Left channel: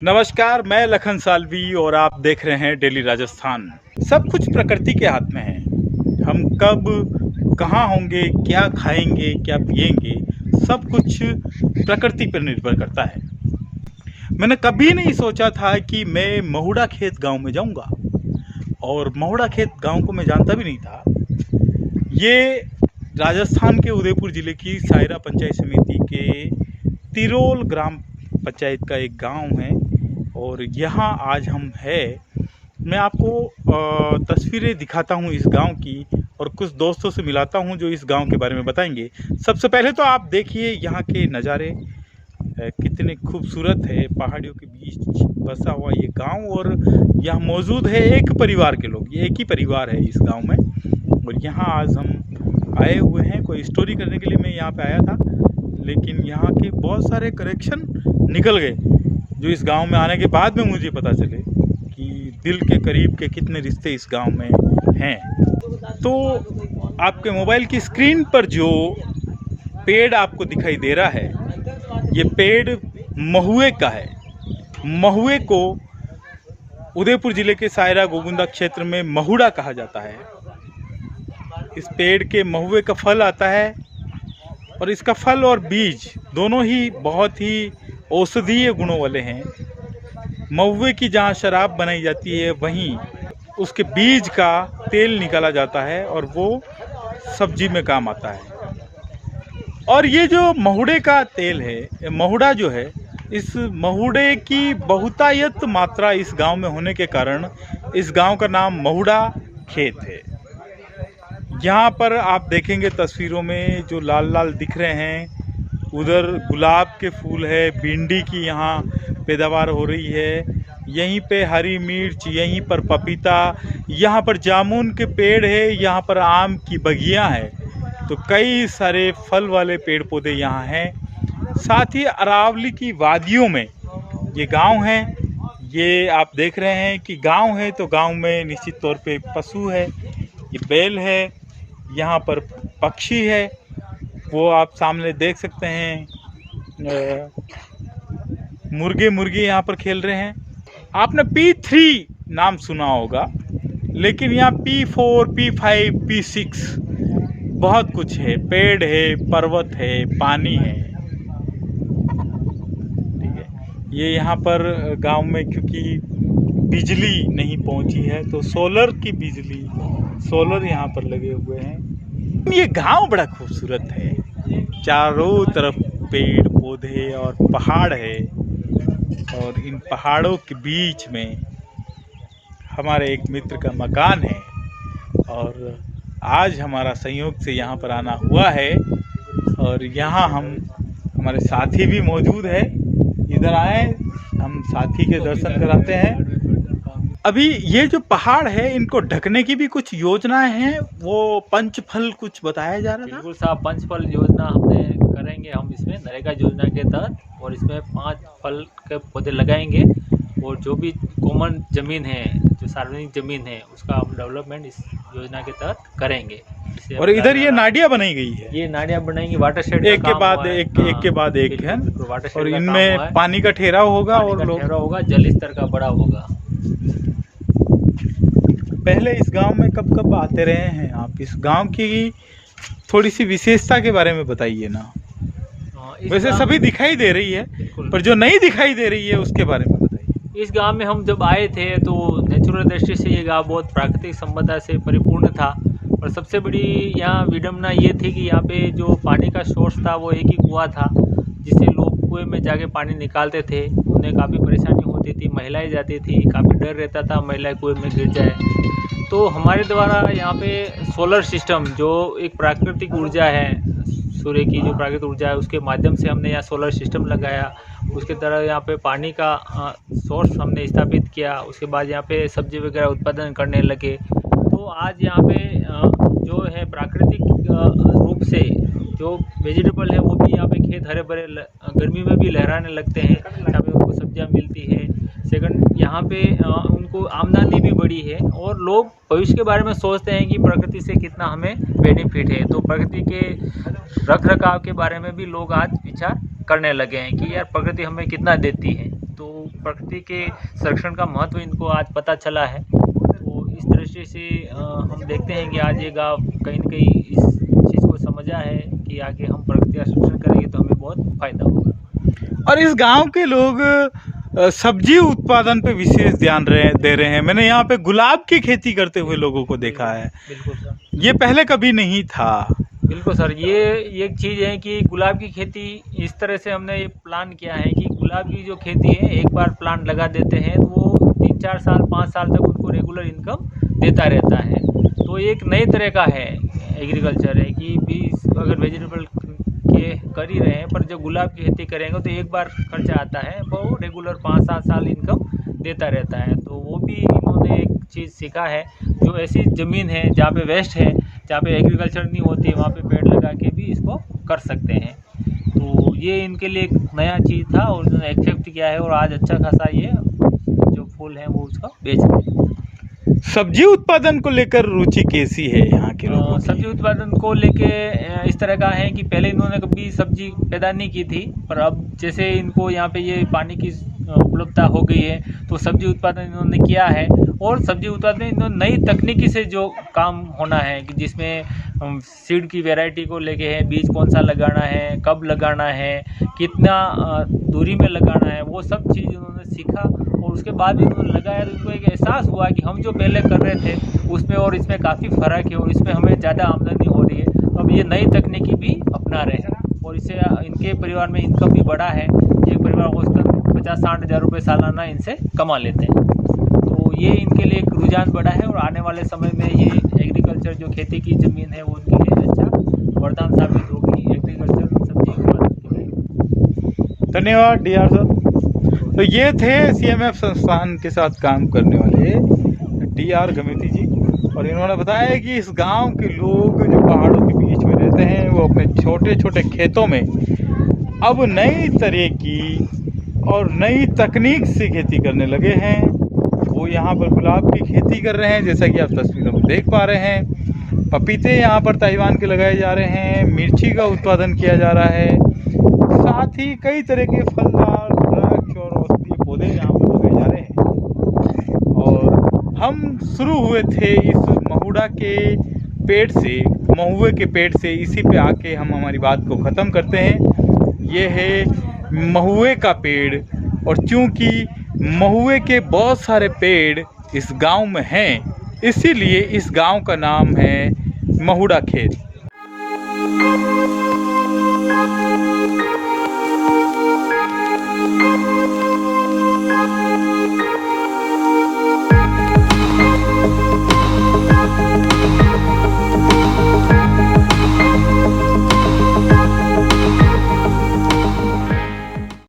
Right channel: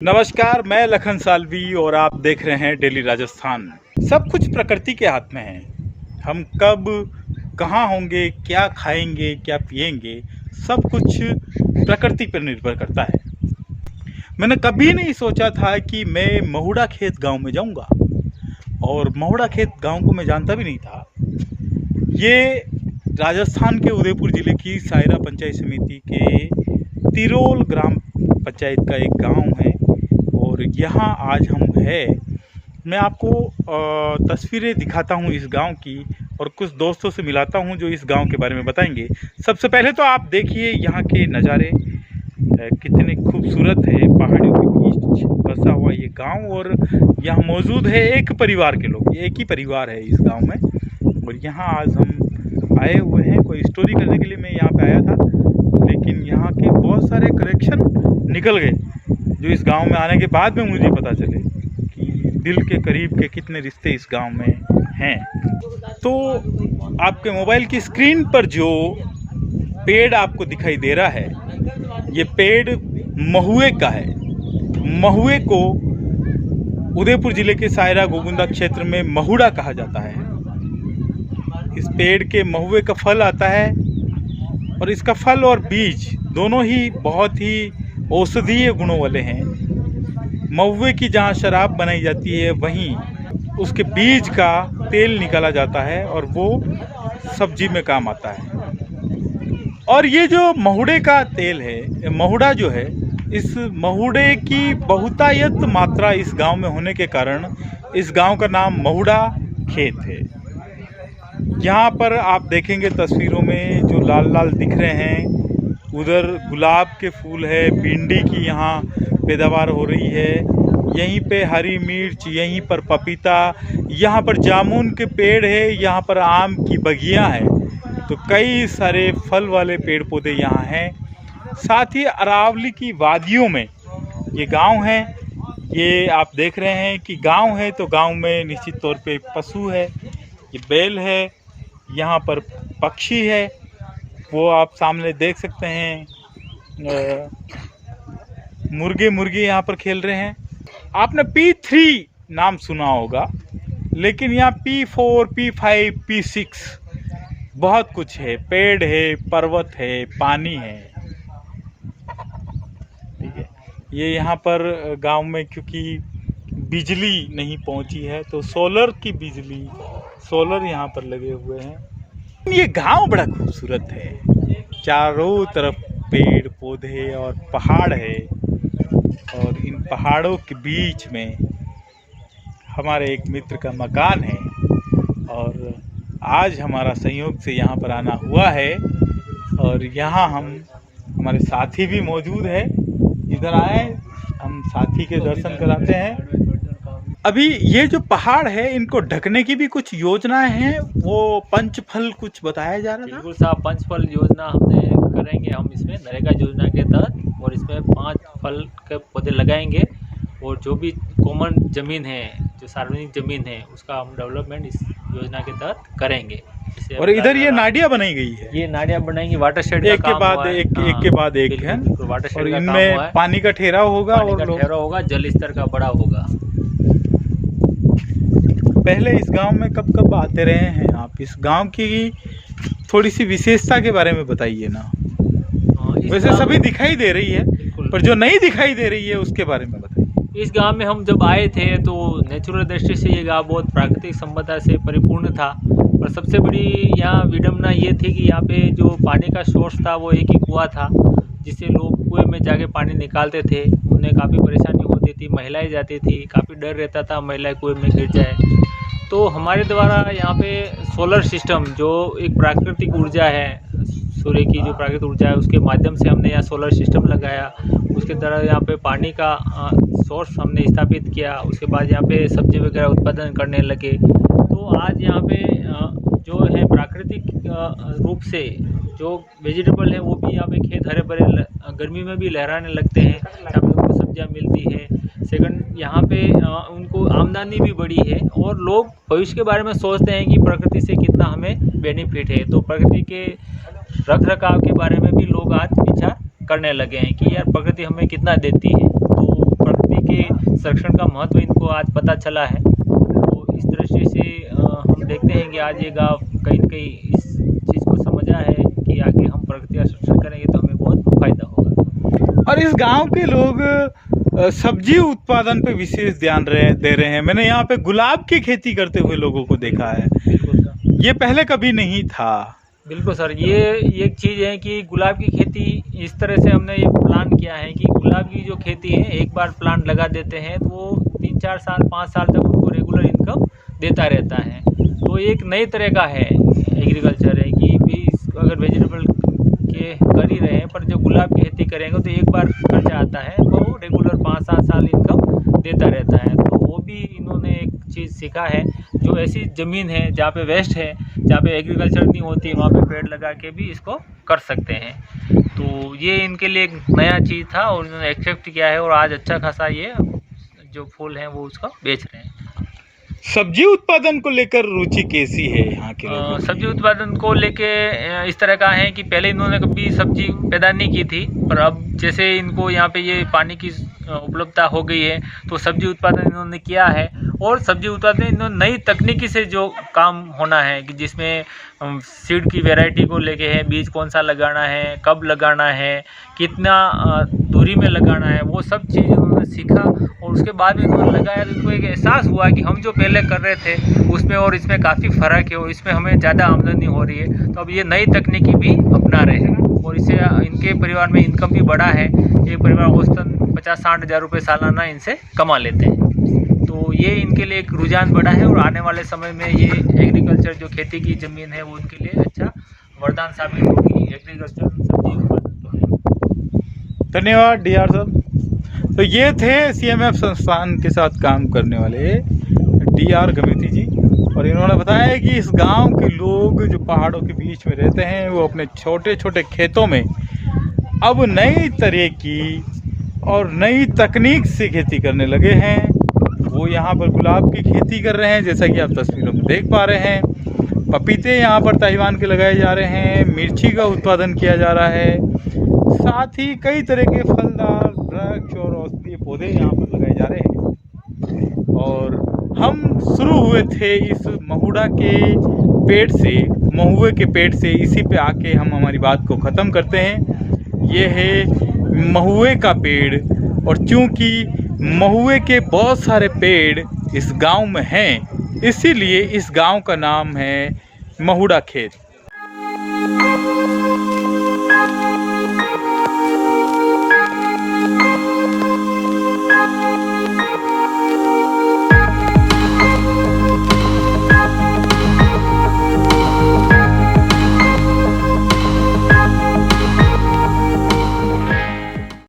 नमस्कार, मैं लखन सालवी और आप देख रहे हैं डेली राजस्थान। सब कुछ प्रकृति के हाथ में है। हम कब कहाँ होंगे, क्या खाएंगे, क्या पिएंगे, सब कुछ प्रकृति पर निर्भर करता है। मैंने कभी नहीं सोचा था कि मैं महुड़ा खेत गांव में जाऊंगा, और महुड़ा खेत गांव को मैं जानता भी नहीं था। ये राजस्थान के उदयपुर ज़िले की सायरा पंचायत समिति के तिरोल ग्राम पंचायत का एक गांव है, और यहाँ आज हम हैं। मैं आपको तस्वीरें दिखाता हूँ इस गांव की, और कुछ दोस्तों से मिलाता हूँ जो इस गांव के बारे में बताएंगे। सबसे पहले तो आप देखिए यहाँ के नज़ारे कितने खूबसूरत है। पहाड़ियों के बीच बसा हुआ ये गांव, और यहाँ मौजूद है एक परिवार के लोग। ये एक ही परिवार है इस गांव में, और यहाँ आज हम आए हुए हैं। कोई स्टोरी करने के लिए मैं यहाँ पे आया था, लेकिन यहाँ के बहुत सारे कनेक्शन निकल गए, जो इस गांव में आने के बाद में मुझे पता चले कि दिल के करीब के कितने रिश्ते इस गांव में हैं। तो आपके मोबाइल की स्क्रीन पर जो पेड़ आपको दिखाई दे रहा है, ये पेड़ महुए का है। महुए को उदयपुर जिले के सायरा गोगुंदा क्षेत्र में महुड़ा कहा जाता है। इस पेड़ के महुए का फल आता है, और इसका फल और बीज दोनों ही बहुत ही औषधीय गुणों वाले हैं। महुए की जहाँ शराब बनाई जाती है, वहीं उसके बीज का तेल निकाला जाता है, और वो सब्जी में काम आता है। और ये जो महुड़े का तेल है, महुड़ा जो है, इस महुड़े की बहुतायत मात्रा इस गांव में होने के कारण इस गांव का नाम महुड़ा खेत है। यहाँ पर आप देखेंगे तस्वीरों में जो लाल लाल दिख रहे हैं, उधर गुलाब के फूल है, भिंडी की यहाँ पैदावार हो रही है, यहीं पे हरी मिर्च, यहीं पर पपीता, यहाँ पर जामुन के पेड़ है, यहाँ पर आम की बगियाँ हैं। तो कई सारे फल वाले पेड़ पौधे यहाँ हैं। साथ ही अरावली की वादियों में ये गांव है। ये आप देख रहे हैं कि गांव है, तो गांव में निश्चित तौर पे पशु है, ये बैल है, यहाँ पर पक्षी है, वो आप सामने देख सकते हैं। मुर्गे मुर्गी यहाँ पर खेल रहे हैं। आपने P3 नाम सुना होगा, लेकिन यहाँ P4, P5, P6 बहुत कुछ है। पेड़ है, पर्वत है, पानी है। ठीक है, ये यहाँ पर गांव में क्योंकि बिजली नहीं पहुंची है, तो सोलर की बिजली, सोलर यहाँ पर लगे हुए हैं। ये गांव बड़ा खूबसूरत है, चारों तरफ पेड़ पौधे और पहाड़ है, और इन पहाड़ों के बीच में हमारे एक मित्र का मकान है, और आज हमारा संयोग से यहाँ पर आना हुआ है। और यहाँ हमारे साथी भी मौजूद है। इधर आए, हम साथी के दर्शन कराते हैं। अभी ये जो पहाड़ है, इनको ढकने की भी कुछ योजनाएं हैं। वो पंचफल कुछ बताया जा रहा था। बिल्कुल साहब, पंचफल योजना हमने करेंगे हम इसमें नरेगा योजना के तहत, और इसमें 5 फल के पौधे लगाएंगे, और जो भी कॉमन ज़मीन है, जो सार्वजनिक ज़मीन है, उसका हम डेवलपमेंट इस योजना के तहत करेंगे। और इधर ये नाडियाँ बनाई गई है, ये नाडियाँ बनाएंगी, वाटर शेड एक के बाद एक है, और इनमें पानी का ठहराव होगा, और ठहराव होगा, जल स्तर का बड़ा होगा। पहले इस गांव में कब कब आते रहे हैं आप? इस गांव की थोड़ी सी विशेषता के बारे में बताइए ना। वैसे सभी दिखाई दे रही है, पर जो नहीं दिखाई दे रही है उसके बारे में बताइए। इस गांव में हम जब आए थे तो नेचुरल दृष्टि से ये गांव बहुत प्राकृतिक संपदा से परिपूर्ण था, और सबसे बड़ी यहाँ विडम्बना ये थी कि यहाँ पे जो पानी का सोर्स था वो एक ही कुआं था, जिससे लोग कुएं में जाके पानी निकालते थे। उन्हें काफ़ी परेशानी होती थी, महिलाएं जाती थी, काफ़ी डर रहता था महिलाएं कुएं में गिर जाए। तो हमारे द्वारा यहाँ पे सोलर सिस्टम, जो एक प्राकृतिक ऊर्जा है, सूर्य की जो प्राकृतिक ऊर्जा है, उसके माध्यम से हमने यहाँ सोलर सिस्टम लगाया। उसके द्वारा यहाँ पे पानी का सोर्स हमने स्थापित किया। उसके बाद यहाँ पे सब्जी वगैरह उत्पादन करने लगे। तो आज यहाँ पे जो है प्राकृतिक रूप से जो वेजिटेबल है, वो भी यहाँ पे खेत हरे भरे गर्मी में भी लहराने लगते हैं। यहाँ पे उनको सब्जियाँ मिलती है। सेकंड, यहाँ पे उनको आमदनी भी बढ़ी है, और लोग भविष्य के बारे में सोचते हैं कि प्रकृति से कितना हमें बेनिफिट है। तो प्रकृति के रख रखाव के बारे में भी लोग आज विचार करने लगे हैं कि यार प्रकृति हमें कितना देती है। तो प्रकृति प्रकृति के संरक्षण का महत्व इनको आज पता चला है। तो इस दृष्टि से हम देखते हैं कि आज ये गाँव कहीं न कहीं इस चीज़ को समझा है कि आगे हम प्रकृति का संरक्षण करेंगे तो हमें बहुत फायदा होगा। और इस गांव के लोग सब्जी उत्पादन पे विशेष ध्यान दे रहे हैं। मैंने यहाँ पे गुलाब की खेती करते हुए लोगों को देखा है। बिल्कुल सर। ये पहले कभी नहीं था। बिल्कुल सर, ये एक चीज़ है कि गुलाब की खेती इस तरह से हमने ये प्लान किया है कि गुलाब की जो खेती है, एक बार प्लांट लगा देते हैं तो वो 3-4 साल 5 साल तक उनको रेगुलर इनकम देता रहता है। तो एक नई तरह का है एग्रीकल्चर है कि भी अगर वेजिटेबल के कर ही रहे हैं पर जो गुलाब की खेती करेंगे तो एक बार खर्चा आता है, वो रेगुलर 5-7 साल इनकम देता रहता है। तो वो भी इन्होंने एक चीज़ सीखा है, जो ऐसी ज़मीन है जहाँ पे वेस्ट है, जहाँ पे एग्रीकल्चर नहीं होती, वहाँ पे पेड़ लगा के भी इसको कर सकते हैं। तो ये इनके लिए एक नया चीज़ था और उन्होंने एक्सेप्ट किया है और आज अच्छा खासा ये जो फूल हैं वो उसका बेच रहे हैं। सब्जी उत्पादन को लेकर रुचि कैसी है यहाँ के लोगों की? सब्जी उत्पादन को लेके इस तरह का है कि पहले इन्होंने कभी सब्जी पैदा नहीं की थी, पर अब जैसे इनको यहाँ पे ये पानी की उपलब्धता हो गई है तो सब्जी उत्पादन इन्होंने किया है। और सब्जी उत्पादन इन्होंने नई तकनीकी से जो काम होना है कि जिसमें सीड की वैरायटी को लेके है, बीज कौन सा लगाना है, कब लगाना है, कितना दूरी में लगाना है, वो सब चीज़ इन्होंने सीखा और उसके बाद भी इन्होंने लगाया तो इनको एक एहसास हुआ कि हम जो पहले कर रहे थे उसमें और इसमें काफ़ी फ़र्क है और इसमें हमें ज़्यादा आमदनी हो रही है। तो अब ये नई तकनीकी भी अपना रहे हैं और इससे इनके परिवार में इनकम भी बढ़ा है। ये परिवार औसतन 50-60 हज़ार रुपये सालाना इनसे कमा लेते हैं। तो ये इनके लिए एक रुझान बढ़ा है और आने वाले समय में ये एग्रीकल्चर जो खेती की ज़मीन है वो उनके लिए अच्छा वरदान साबित होगी एग्रीकल्चर सब्जी उत्पादन के लिए। धन्यवाद डीआर सर। तो ये थे सीएमएफ संस्थान के साथ काम करने वाले डीआर गमेती जी और इन्होंने बताया कि इस गांव के लोग जो पहाड़ों के बीच में रहते हैं वो अपने छोटे छोटे खेतों में अब नई तरह की और नई तकनीक से खेती करने लगे हैं। वो यहाँ पर गुलाब की खेती कर रहे हैं, जैसा कि आप तस्वीरों में देख पा रहे हैं। पपीते यहाँ पर ताइवान के लगाए जा रहे हैं, मिर्ची का उत्पादन किया जा रहा है, साथ ही कई तरह के फलदार वृक्ष और औषधीय पौधे यहाँ पर लगाए जा रहे हैं। और हम शुरू हुए थे इस महुआ के पेड़ से, इसी पे आके हम हमारी बात को ख़त्म करते हैं। ये है महुए का पेड़ और चूंकि महुए के बहुत सारे पेड़ इस गांव में हैं, इसीलिए इस गांव का नाम है महुआ खेत।